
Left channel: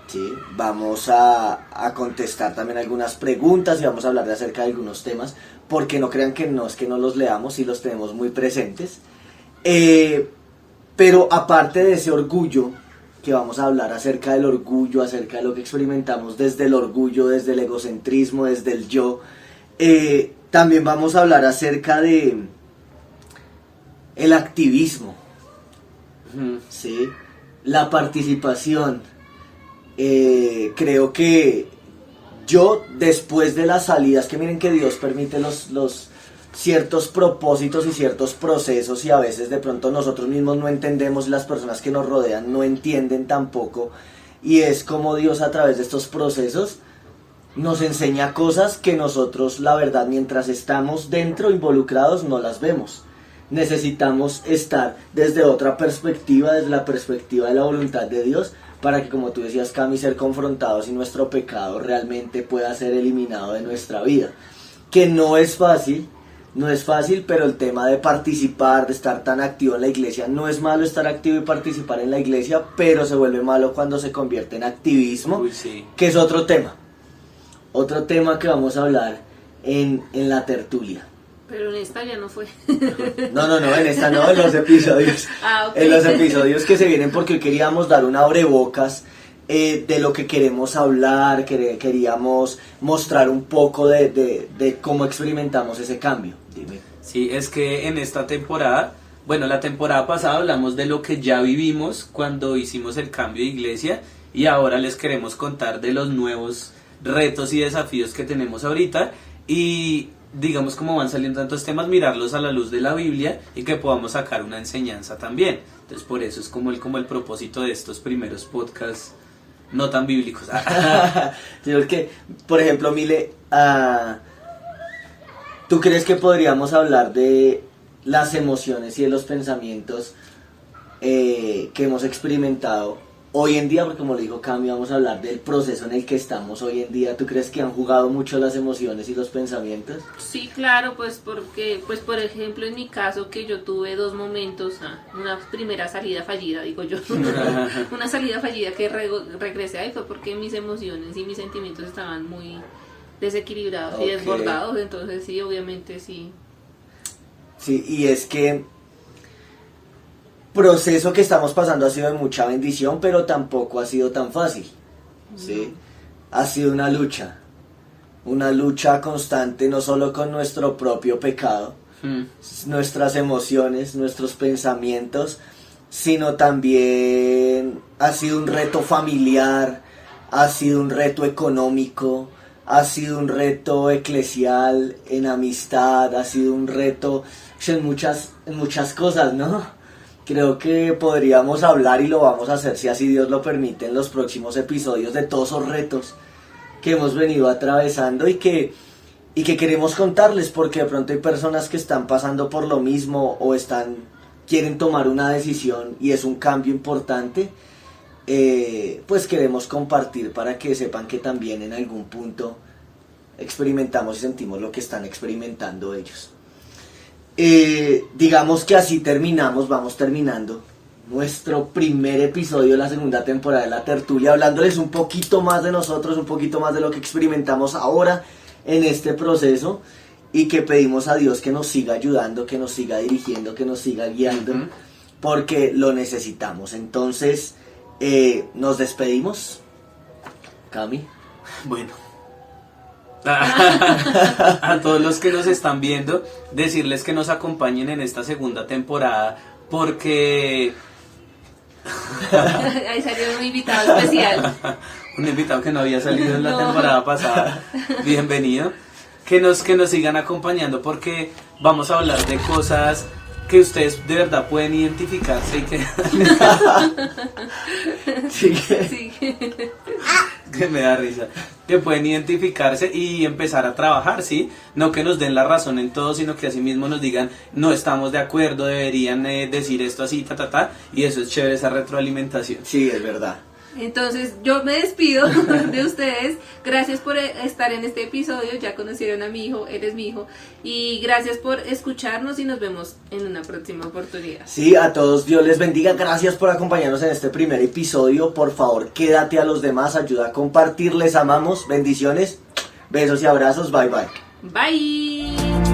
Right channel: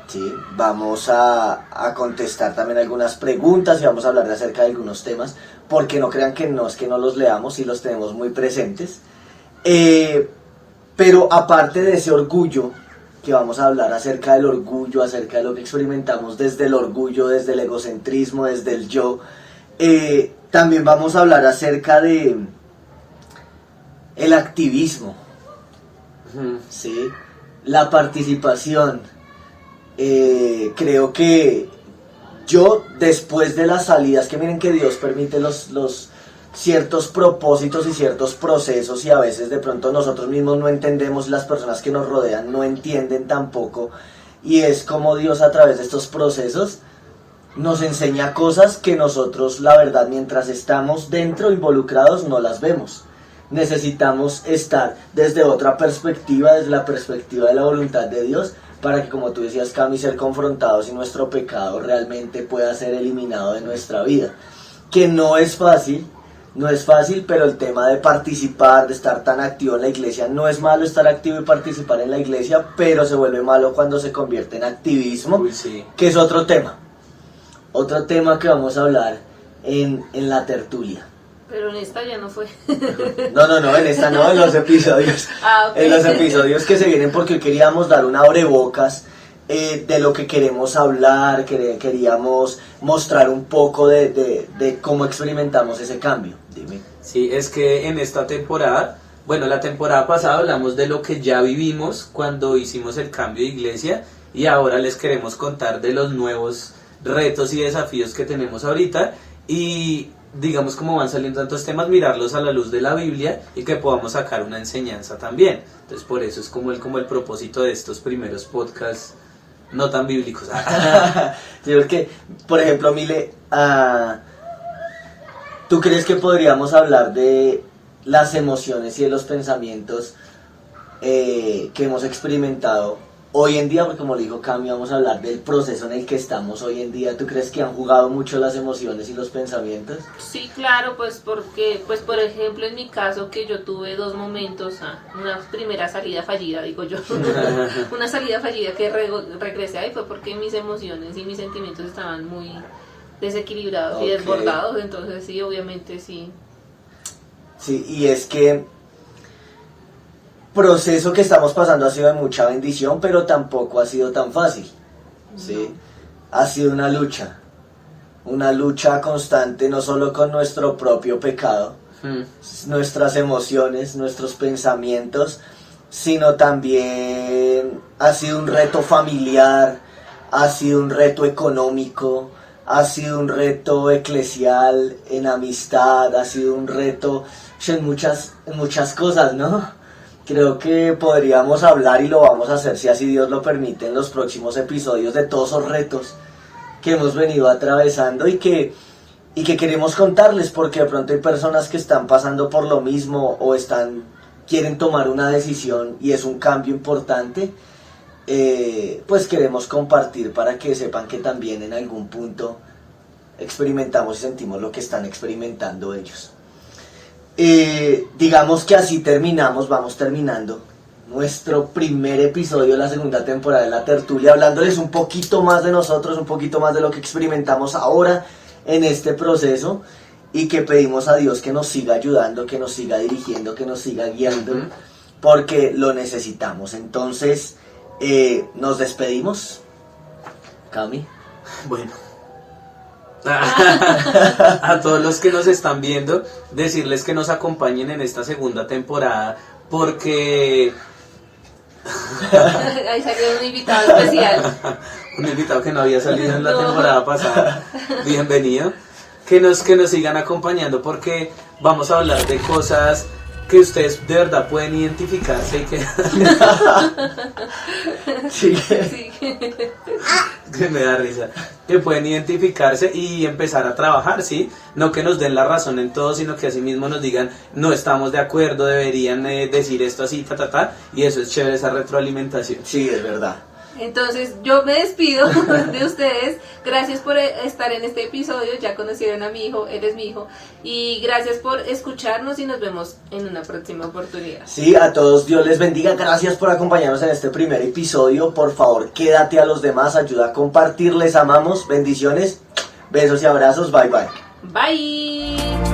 ¿sí? Vamos a contestar también algunas preguntas y vamos a hablar acerca de algunos temas, porque no crean que no es que no los leamos y los tenemos muy presentes. Pero aparte de ese orgullo, que vamos a hablar acerca del orgullo, acerca de lo que experimentamos desde el orgullo, desde el egocentrismo, desde el yo, también vamos a hablar acerca de el activismo, ¿sí? La participación. Creo que yo, después de las salidas, que miren que Dios permite los ciertos propósitos y ciertos procesos, y a veces de pronto nosotros mismos no entendemos y las personas que nos rodean no entienden tampoco, y es como Dios a través de estos procesos nos enseña cosas que nosotros, la verdad, mientras estamos dentro involucrados no las vemos. Necesitamos estar desde otra perspectiva, desde la perspectiva de la voluntad de Dios, para que, como tú decías, Cami, ser confrontados y nuestro pecado realmente pueda ser eliminado de nuestra vida. Que no es fácil, pero el tema de participar, de estar tan activo en la iglesia, no es malo estar activo y participar en la iglesia, pero se vuelve malo cuando se convierte en activismo, Sí. que es otro tema que vamos a hablar en la tertulia. Pero en esta ya no fue. No, en esta no, en los episodios. Ok. En los episodios que se vienen, porque hoy queríamos dar un abrebocas de lo que queremos hablar, queríamos mostrar un poco de cómo experimentamos ese cambio. Dime. Sí, es que en esta temporada, bueno, la temporada pasada hablamos de lo que ya vivimos cuando hicimos el cambio de iglesia, y ahora les queremos contar de los nuevos retos y desafíos que tenemos ahorita, y digamos, como van saliendo tantos temas, mirarlos a la luz de la Biblia y que podamos sacar una enseñanza también. Entonces, por eso es como el propósito de estos primeros podcasts no tan bíblicos. Sí, porque, por ejemplo, Mile, ¿tú crees que podríamos hablar de las emociones y de los pensamientos que hemos experimentado hoy en día? Porque, como le dijo Cami, vamos a hablar del proceso en el que estamos hoy en día. ¿Tú crees que han jugado mucho las emociones y los pensamientos? Sí, claro, pues porque, pues por ejemplo en mi caso, que yo tuve dos momentos, una primera salida fallida, digo yo, una salida fallida que regresé ahí fue porque mis emociones y mis sentimientos estaban muy desequilibrados y desbordados, entonces sí, obviamente sí. Sí, y es que proceso que estamos pasando ha sido de mucha bendición, pero tampoco ha sido tan fácil, ¿sí? Ha sido una lucha constante, no solo con nuestro propio pecado, nuestras emociones, nuestros pensamientos, sino también ha sido un reto familiar, ha sido un reto económico, ha sido un reto eclesial, en amistad, ha sido un reto en muchas cosas, ¿no? Creo que podríamos hablar, y lo vamos a hacer si así Dios lo permite, en los próximos episodios, de todos esos retos que hemos venido atravesando y que queremos contarles, porque de pronto hay personas que están pasando por lo mismo o quieren tomar una decisión y es un cambio importante. Pues queremos compartir para que sepan que también en algún punto experimentamos y sentimos lo que están experimentando ellos. Digamos que así vamos terminando nuestro primer episodio de la segunda temporada de la tertulia, hablándoles un poquito más de nosotros, un poquito más de lo que experimentamos ahora en este proceso, y que pedimos a Dios que nos siga ayudando, que nos siga dirigiendo, que nos siga guiando, porque lo necesitamos. Entonces, nos despedimos. Cami. Bueno. A todos los que nos están viendo, decirles que nos acompañen en esta segunda temporada, porque Ahí salió un invitado especial. un invitado que no había salido en la temporada pasada. Bienvenido. Que nos sigan acompañando, porque vamos a hablar de cosas que ustedes de verdad pueden identificarse y que Sí. Sí. que me da risa, que pueden identificarse y empezar a trabajar, ¿sí? No que nos den la razón en todo, sino que así mismo nos digan, no estamos de acuerdo, deberían decir esto así, y eso es chévere, esa retroalimentación. Sí, es verdad. Entonces yo me despido de ustedes. Gracias por estar en este episodio. Ya conocieron a mi hijo, eres mi hijo. Y gracias por escucharnos y nos vemos en una próxima oportunidad. Sí, a todos Dios les bendiga. Gracias por acompañarnos en este primer episodio. Por favor, quédate a los demás. Ayuda a compartir. Les amamos. Bendiciones. Besos y abrazos. Bye bye. Bye.